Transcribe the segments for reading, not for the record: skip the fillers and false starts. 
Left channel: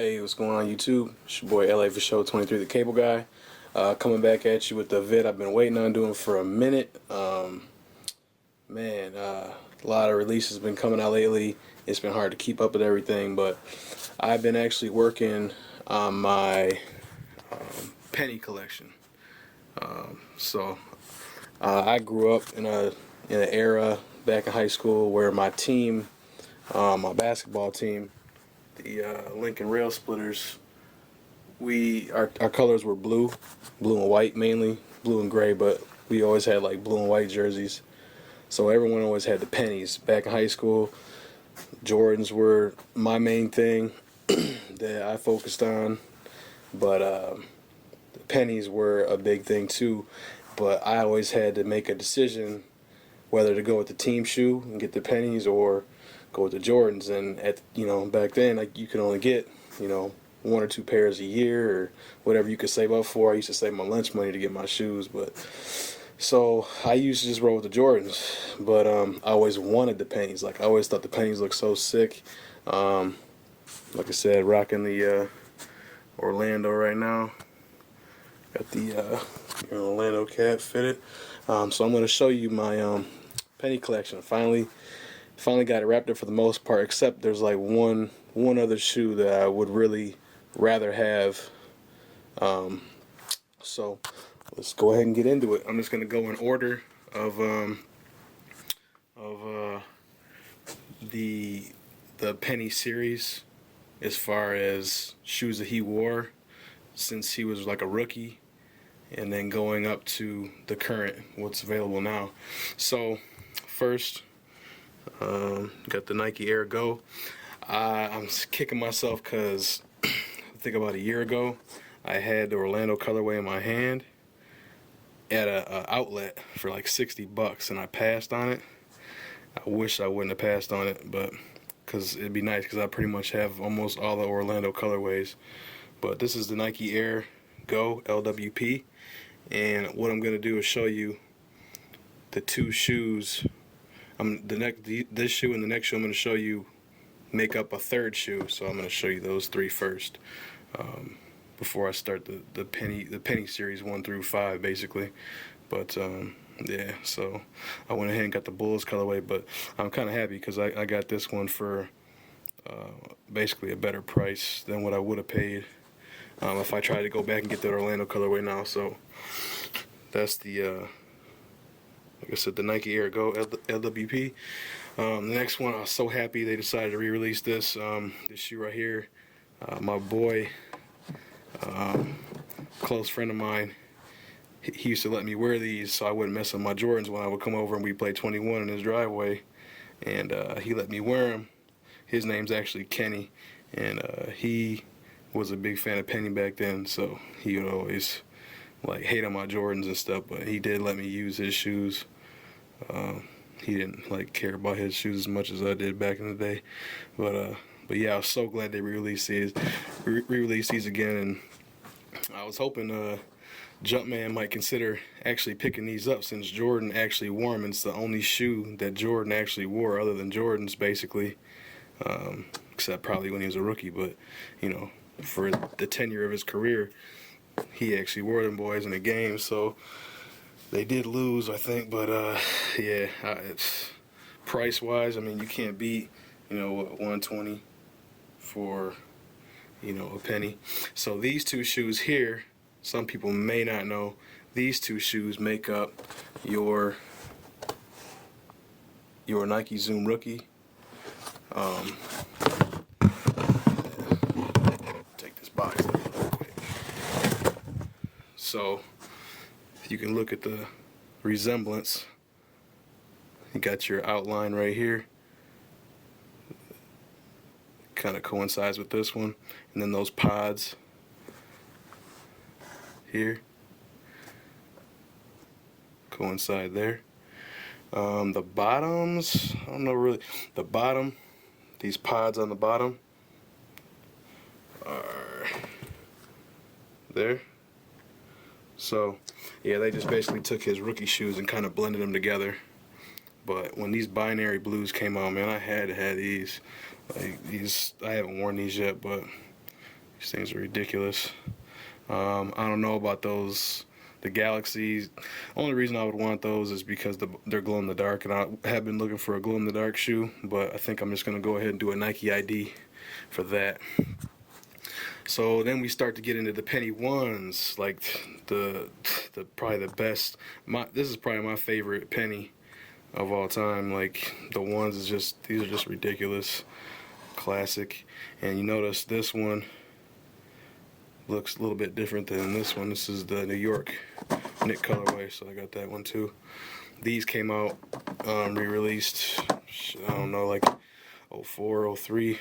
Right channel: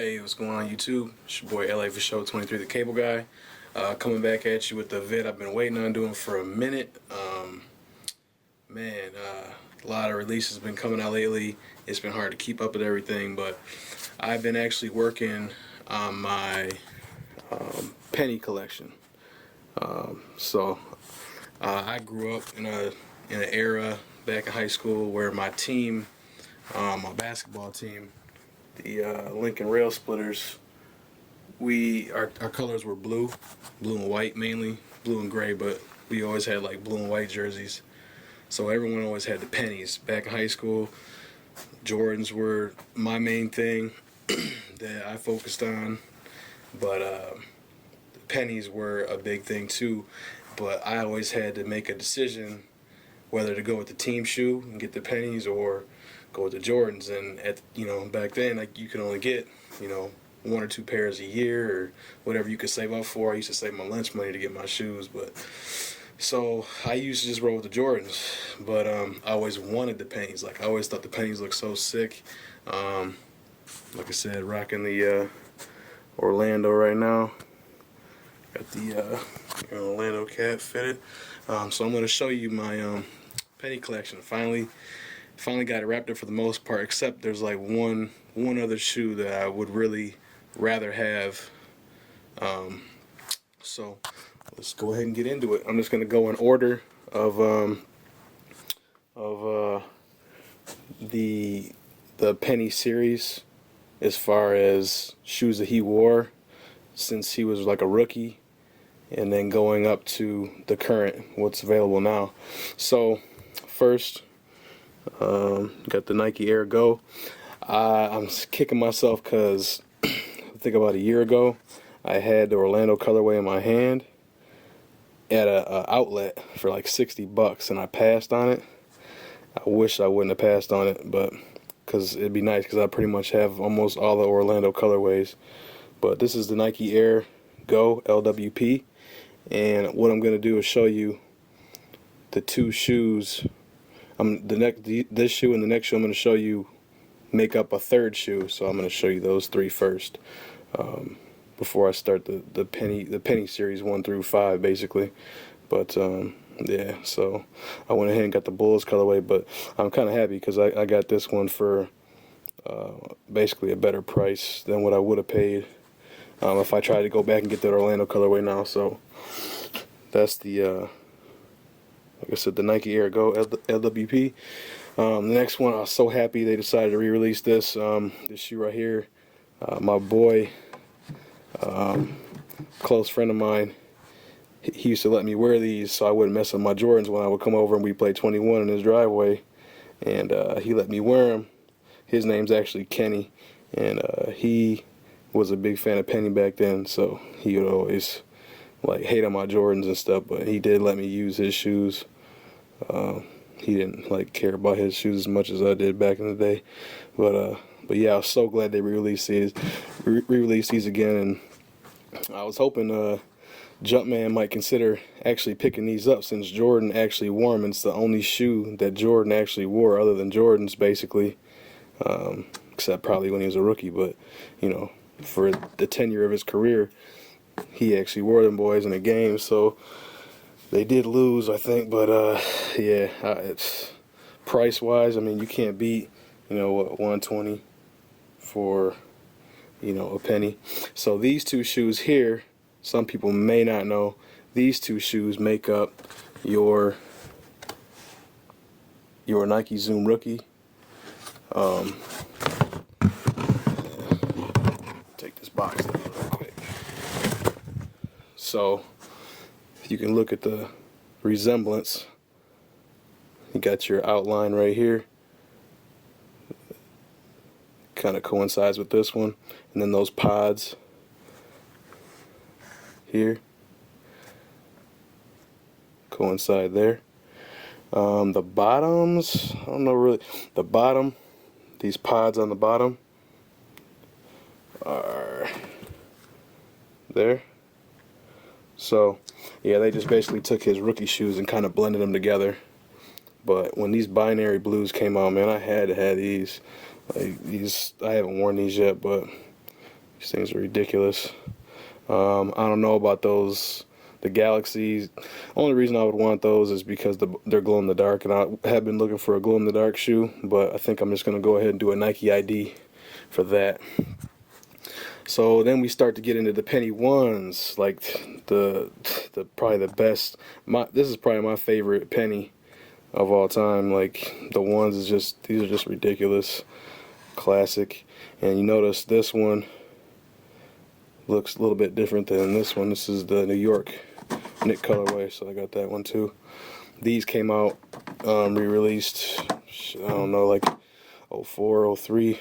Hey, what's going on YouTube? It's your boy LA for Show 23, the cable guy. Coming back at you with the vid I've been waiting on doing for a minute. A lot of releases been coming out lately. It's been hard to keep up with everything, but I've been actually working on my penny collection. I grew up in an era back in high school where my team, my basketball team, the Lincoln Rail Splitters, our colors were blue and white mainly, blue and gray, but we always had like blue and white jerseys. So everyone always had the pennies. Back in high school, Jordans were my main thing that I focused on, but the pennies were a big thing too. But I always had to make a decision whether to go with the team shoe and get the pennies or go with the Jordans. And back then, like, you could only get one or two pairs a year or whatever you could save up for. I used to save my lunch money to get my shoes, but so I used to just roll with the Jordans. But I always wanted the pennies. Like, I always thought the pennies looked so sick. Like I said, rocking the Orlando right now. Got the Orlando cap fitted. So I'm going to show you my penny collection. Finally got it wrapped up for the most part, except there's like one other shoe that I would really rather have. So let's go ahead and get into it. I'm just going to go in order of the penny series as far as shoes that he wore since he was like a rookie, and then going up to the current, what's available now. So first, got the Nike Air Go. I'm kicking myself because I think about a year ago I had the Orlando colorway in my hand at a outlet for like $60, and I passed on it. I wish I wouldn't have passed on it, but because it'd be nice, because I pretty much have almost all the Orlando colorways. But this is the Nike Air Go LWP, and what I'm going to do is show you the two shoes. This shoe and the next shoe I'm going to show you make up a third shoe, so I'm going to show you those three first before I start the penny series 1 through 5 basically. But yeah, so I went ahead and got the Bulls colorway, but I'm kind of happy because I got this one for basically a better price than what I would have paid if I tried to go back and get that Orlando colorway now. So that's the like I said, the Nike Air Go LWP. The next one, I was so happy they decided to re-release this shoe right here. My boy, close friend of mine, he used to let me wear these so I wouldn't mess with my Jordans when I would come over and we play 21 in his driveway, and he let me wear them. His name's actually Kenny, and he was a big fan of Penny back then, so he would always like hate on my Jordans and stuff, but he did let me use his shoes. He didn't like care about his shoes as much as I did back in the day, but yeah, I was so glad they re-released these again, and I was hoping Jumpman might consider actually picking these up, since Jordan actually wore them. It's the only shoe that Jordan actually wore other than Jordans, basically, except probably when he was a rookie, but for the tenure of his career, he actually wore them boys in a game. So they did lose, I think, but yeah, it's price wise, I mean, you can't beat 120 for a penny. So these two shoes here, some people may not know, these two shoes make up your Nike Zoom Rookie. Take this box out real quick. So you can look at the resemblance. You got your outline right here, kind of coincides with this one, and then those pods here coincide there. The bottoms, I don't know really. The bottom, these pods on the bottom are there. So yeah, they just basically took his rookie shoes and kind of blended them together. But when these binary blues came out, man, I had to have these. Like, these, I haven't worn these yet, but These things are ridiculous. I don't know about those, the Galaxies. Only reason I would want those is because they're glow in the dark, and I have been looking for a glow in the dark shoe, but I think I'm just gonna go ahead and do a Nike ID for that. So then we start to get into the penny ones, like the probably the best. This is probably my favorite penny of all time. Like the ones is just, these are just ridiculous, classic. And you notice this one looks a little bit different than this one. This is the New York knit colorway, so I got that one too. These came out re-released, I don't know, like 04, 03.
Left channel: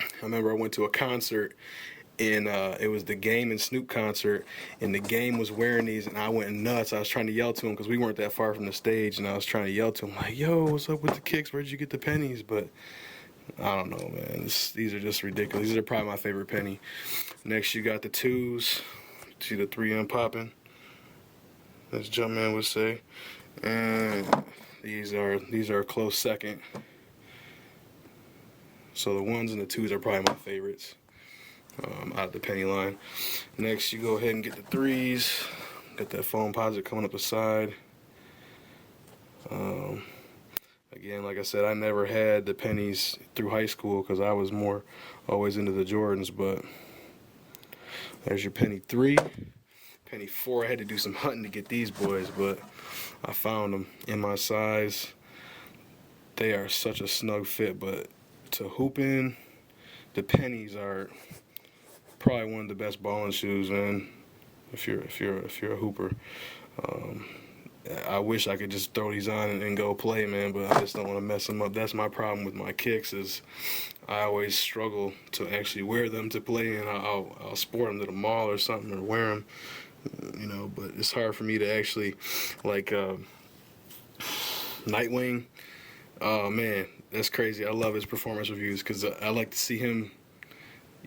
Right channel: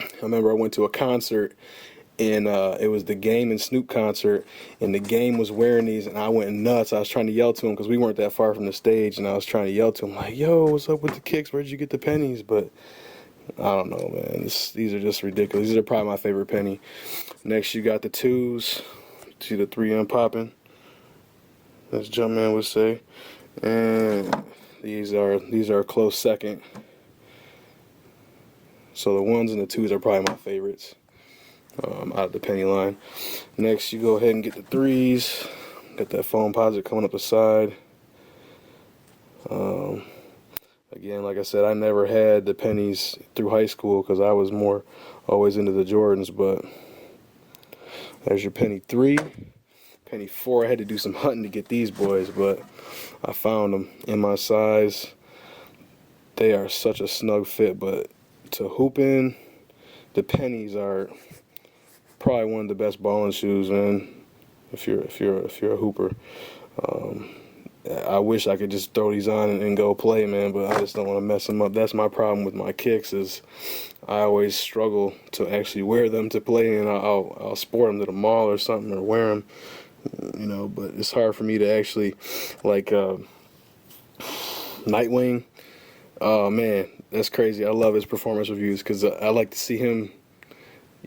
I remember I went to a concert, and it was the Game and Snoop concert, and the Game was wearing these, and I went nuts. I was trying to yell to him because we weren't that far from the stage, and I was trying to yell to him like, "Yo, what's up with the kicks? Where'd you get the pennies?" But I don't know, man. These are just ridiculous. These are probably my favorite penny. Next, you got the twos. See the 3M popping, as Jumpman would say, and these are a close second. So the ones and the twos are probably my favorites out of the penny line. Next, you go ahead and get the threes. Got that foam posit coming up the side. Again, like I said, I never had the pennies through high school because I was more always into the Jordans, but there's your penny 3. Penny 4, I had to do some hunting to get these boys, but I found them in my size. They are such a snug fit, but to hoop in, the pennies are probably one of the best balling shoes, man. If you're a hooper, I wish I could just throw these on and go play, man, but I just don't want to mess them up. That's my problem with my kicks, is I always struggle to actually wear them to play, and I'll sport them to the mall or something, or wear them, you know. But it's hard for me to actually, like Nightwing. Oh man, that's crazy. I love his performance reviews because I like to see him,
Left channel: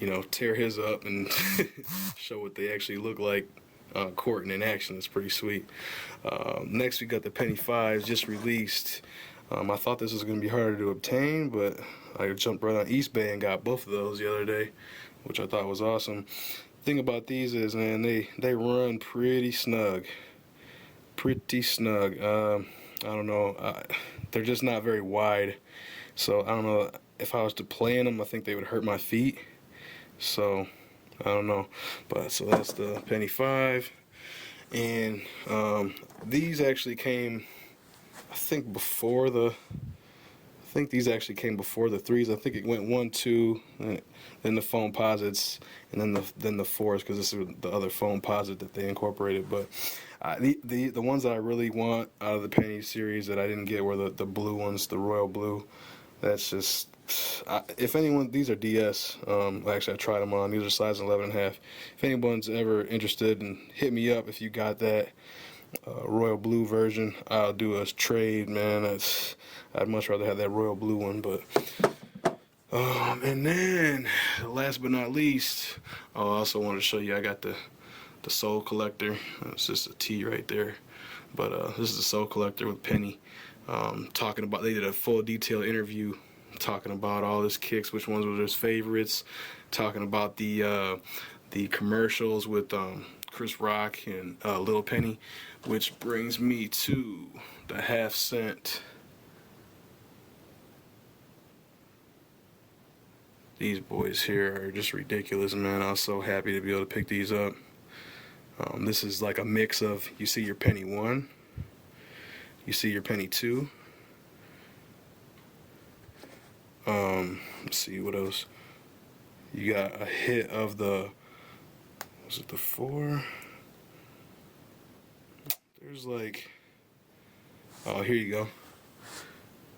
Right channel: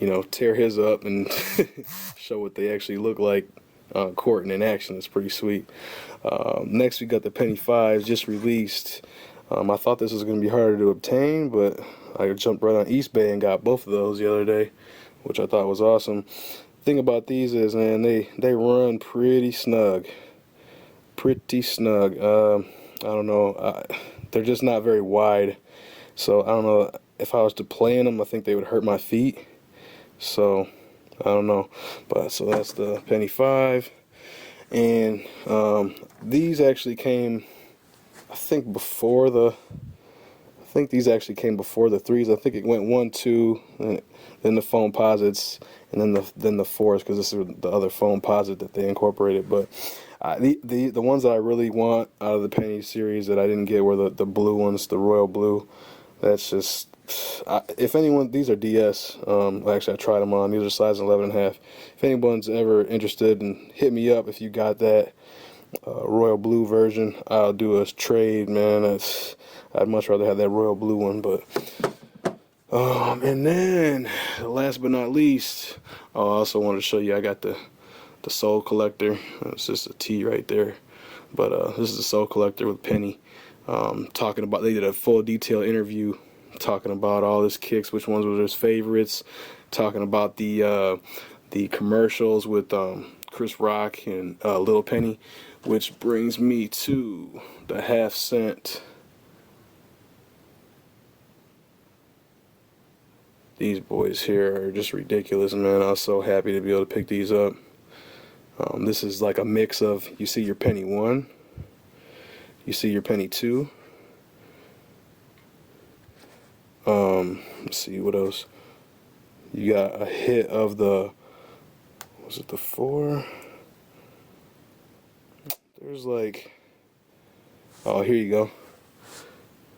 you know, tear his up and show what they actually look like courting in action. It's pretty sweet. Next, we got the penny 5s just released. I thought this was going to be harder to obtain, but I jumped right on East Bay and got both of those the other day, which I thought was awesome. Thing about these is, man, they run pretty snug. Pretty snug. I don't know. They're just not very wide, so I don't know, if I was to play in them, I think they would hurt my feet, so I don't know. But so that's the penny 5, and these actually came, I think these actually came before the 3s. I think it went 1, 2, then the foam posits, and then the 4s, because this is the other foam posit that they incorporated. But the ones that I really want out of the penny series that I didn't get were the blue ones, the royal blue. That's just, if anyone, these are DS. Actually, I tried them on. These are size 11.5. If anyone's ever interested, and hit me up if you got that royal blue version. I'll do a trade, man. I'd much rather have that royal blue one. But and then last but not least, I also wanted to show you, I got the Soul Collector. It's just a T right there, but this is the Soul Collector with Penny. Talking about, they did a full detailed interview talking about all his kicks, which ones were his favorites, talking about the commercials with Chris Rock and Little Penny, which brings me to the half-cent. These boys here are just ridiculous, man. I was so happy to be able to pick these up. This is like a mix of, you see your penny 1, you see your penny 2. Let's see what else. You got a hit of the, was it the 4? There's like, oh, here you go.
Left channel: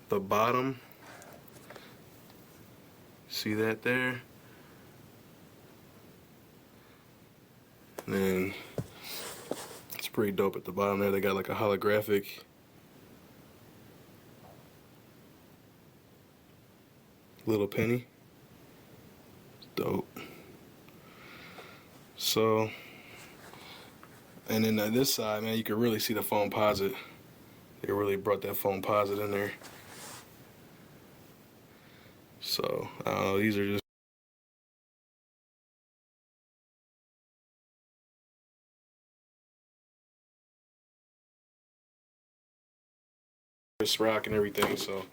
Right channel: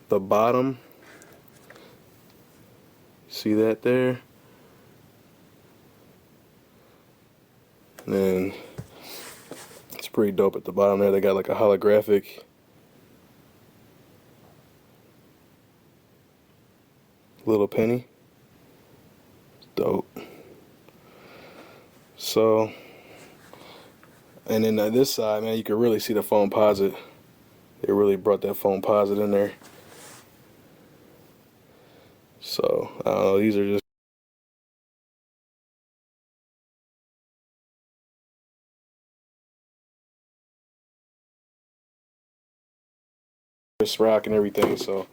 The bottom. See that there? And then it's pretty dope at the bottom there. They got like a holographic Little Penny. Dope. So, and then on this side, man, you can really see the foam posit. They really brought that foam posit in there. So, these are just this rock and everything. So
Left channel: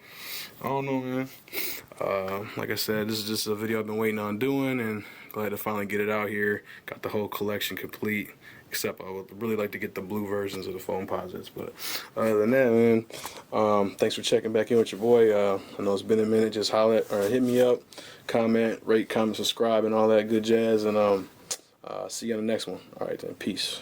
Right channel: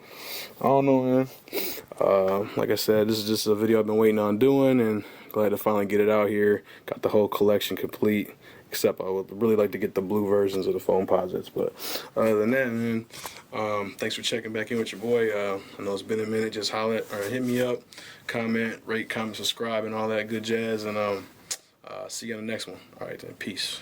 I don't know, man. Like I said, this is just a video I've been waiting on doing, and glad to finally get it out here. Got the whole collection complete, except I would really like to get the blue versions of the foam posits. But other than that, man, thanks for checking back in with your boy. I know it's been a minute. Just holler or hit me up, comment, rate, comment, subscribe, and all that good jazz. And see you on the next one. All right, then, peace.